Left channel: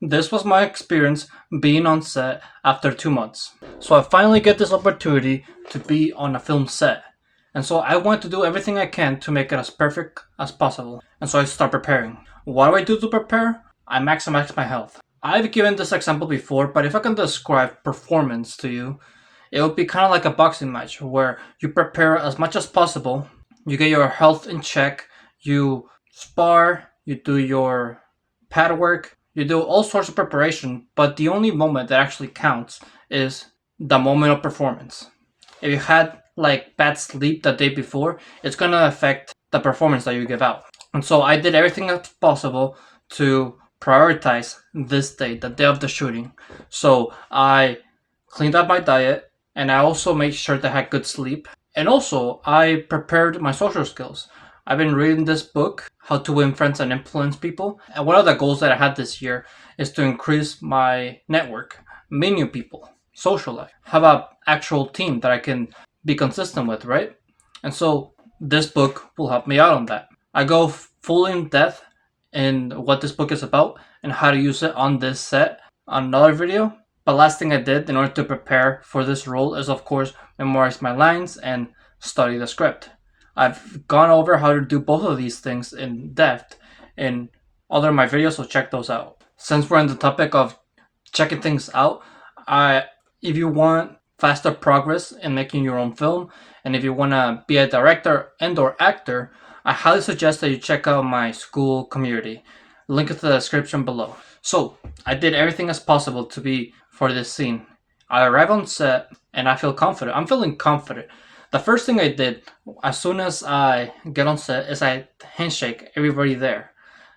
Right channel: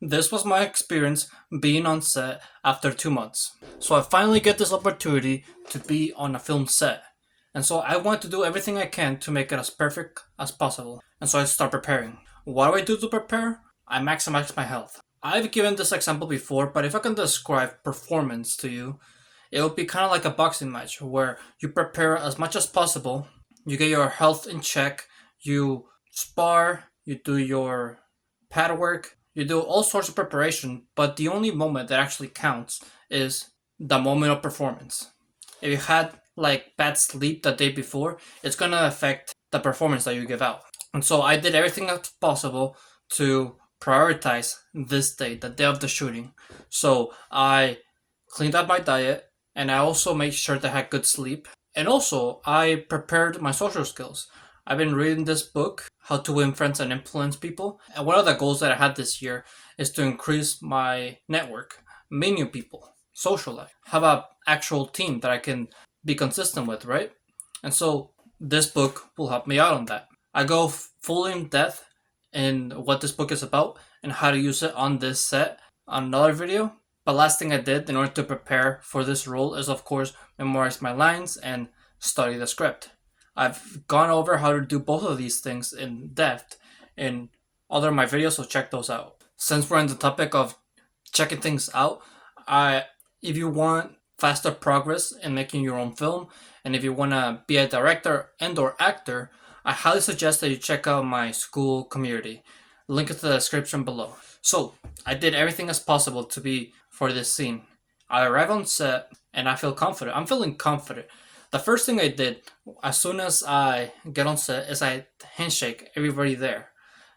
This was my experience being on set after 2 months. So I finally get this opportunity to be on a film set. And so I want to do everything I can to make it as perfect as possible. And so I start preparing. What do I do to prepare? I maximize my health. I've given this example before, but if I can describe performance to you, it would be kind of like a boxing match where you prepare as much as possible, you get your health in check, you spar, you do your pad work, you do all sorts of preparation, but the only moment that actually counts is the moment of performance. If you had like bad sleep the day before, it's gonna affect the performance that you give out. And so I did everything that's possible to prioritize this day, the day of the shooting. So I cleaned up my diet and I also made sure that I had good sleep. And also I prepared my social skills. I've been reading this book, How to Win Friends and Influence People. And one of the goals that I had this year is to increase my network, meet new people, socialize, have an actual team that I can be consistent with, right? And so this book will help me out on that. I go full in depth in what this book is about and how to use it on this set on another video. But last thing I did in order to prepare for this role is, of course, memorize my lines and study the script. I've gone over how to do both of these things in depth in other of my videos, so check those out. Since we're on the topic of checking things out, if you want faster progress in making your own film, and if you want to be a director and or actor, I highly suggest that you check out my school community. Link is in the description below. So I did everything as possible to be for this scene. I arrive on set and I feel confident. I'm feeling confident. The first thing I did as soon as I get on set is I handshake everybody there.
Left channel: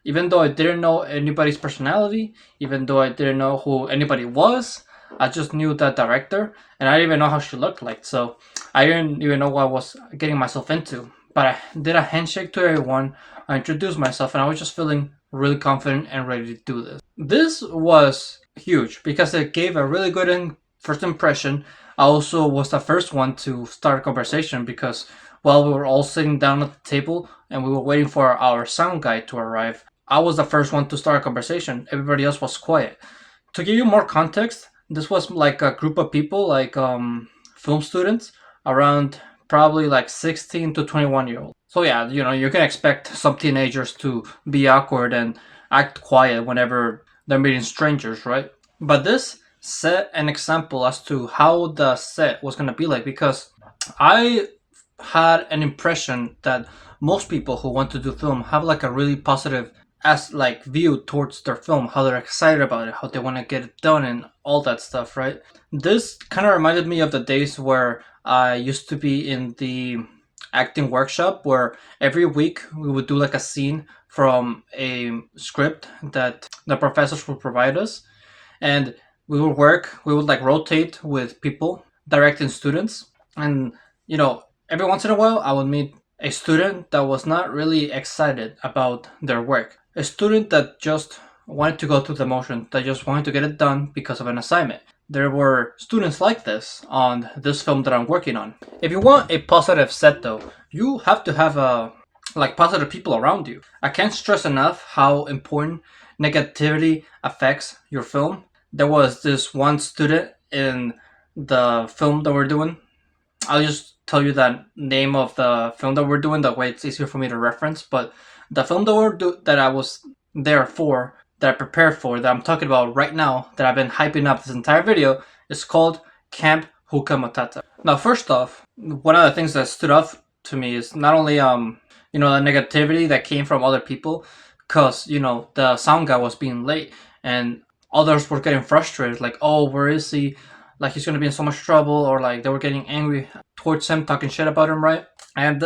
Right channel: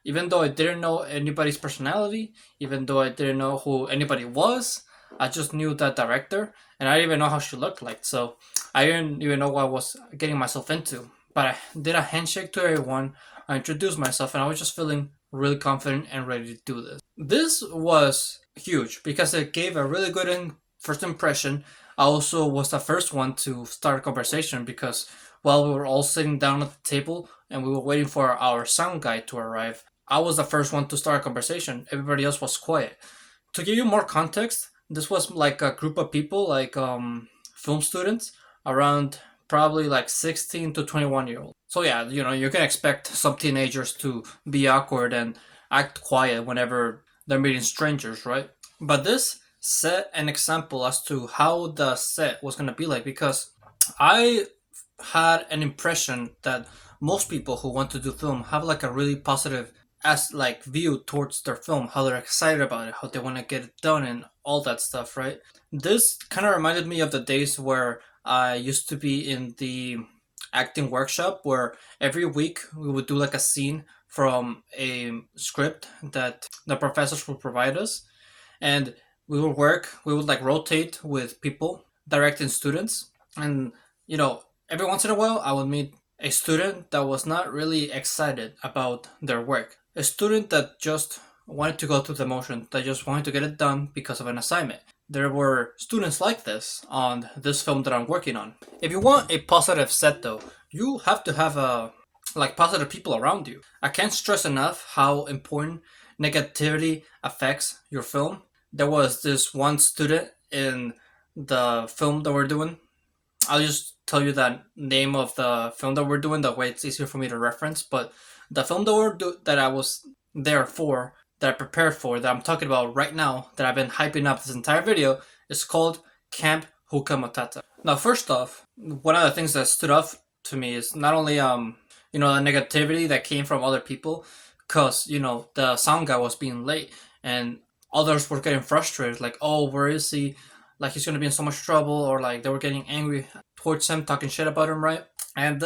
Even though I didn't know anybody's personality, even though I didn't know who anybody was, I just knew that director and I didn't even know how she looked like. So I didn't even know what I was getting myself into. But I did a handshake to everyone. I introduced myself and I was just feeling really confident and ready to do this. This was huge because it gave a really good first impression. I also was the first one to start a conversation because while we were all sitting down at the table and we were waiting for our sound guy to arrive, I was the first one to start a conversation. Everybody else was quiet. To give you more context, this was like a group of people, like film students, around probably like 16 to 21-year-olds. So yeah, you can expect some teenagers to be awkward and act quiet whenever they're meeting strangers, right? But this set an example as to how the set was gonna be like because I had an impression that most people who want to do film have like a really positive as like view towards their film, how they're excited about it, how they want to get it done and all that stuff, right? This kind of reminded me of the days where I used to be in the acting workshop where every week we would do like a scene from a script that the professors would provide us, and we would like rotate with people directing students. And every once in a while I would meet a student that was not really excited about their work, a student that just wanted to go through the motion, that just wanted to get it done because of an assignment. There were students like this on this film that I'm working on. If you want a positive set though, you have to have positive people around you. I can't stress enough how important negativity affects your film. There was this one student in the film that we're doing. I'll just tell you the name of the film that we're doing. That way, it's easier for me to reference. But the film that I was there for, that I prepared for, that I'm talking about right now, that I've been hyping up this entire video, is called Camp Hookah Matata. Now, first off, one of the things that stood out to me is not only the negativity that came from other people, because the sound guy was being late and others were getting frustrated, like, oh, where is he? Like he's gonna be in so much trouble, or like they were getting angry towards him, talking shit about him, right? And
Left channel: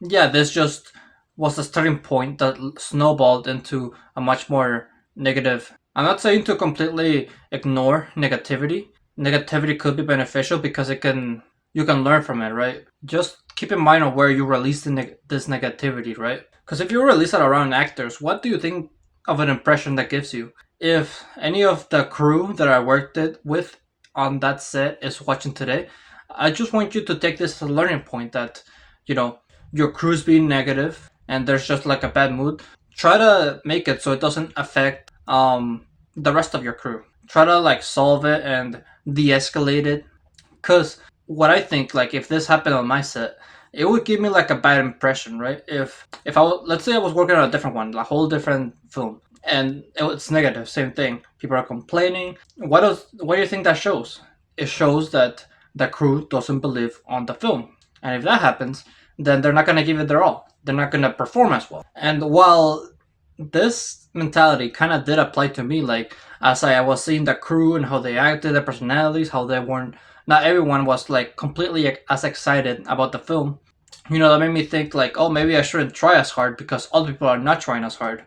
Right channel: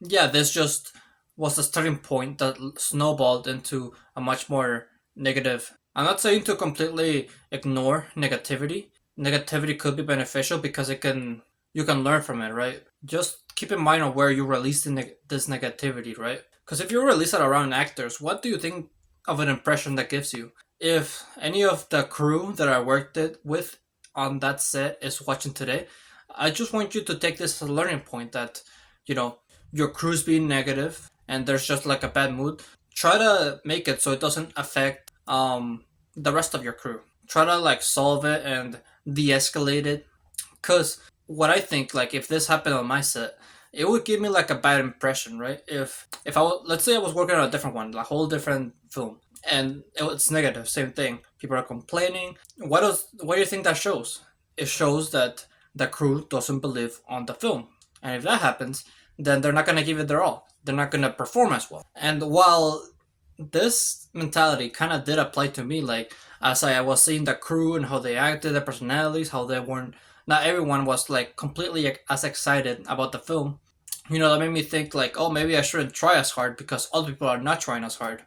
yeah, this just was the starting point that snowballed into a much more negative. I'm not saying to completely ignore negativity. Negativity could be beneficial because you can learn from it, right? Just keep in mind on where you release this negativity, right? Because if you release it around actors, what do you think of an impression that gives you? If any of the crew that I worked with on that set is watching today, I just want you to take this as a learning point that, your crew's being negative and there's just like a bad mood. Try to make it so it doesn't affect the rest of your crew. Try to like solve it and de-escalate it. Cause what I think, like if this happened on my set, it would give me like a bad impression, right? If let's say I was working on a different one, a whole different film, and it's negative, same thing. People are complaining. What do you think that shows? It shows that the crew doesn't believe on the film, and if that happens, then they're not gonna give it their all. They're not gonna perform as well. And while this mentality kind of did apply to me, like as I was seeing the crew and how they acted, their personalities, how they weren't. Not everyone was like completely as excited about the film. That made me think like, oh, maybe I shouldn't try as hard because other people are not trying as hard.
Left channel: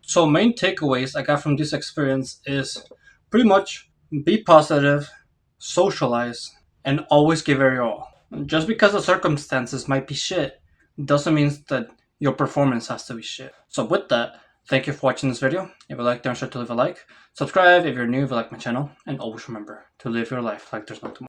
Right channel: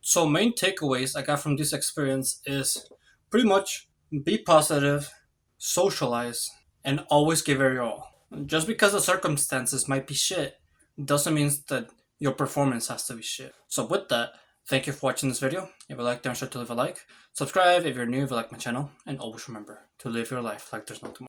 So main takeaways I got from this experience is pretty much be positive, socialize, and always give it your all. Just because the circumstances might be shit doesn't mean that your performance has to be shit. So with that, thank you for watching this video. If you liked, don't forget to leave a like. Subscribe if you're new, if you like my channel. And always remember to live your life like there's no tomorrow.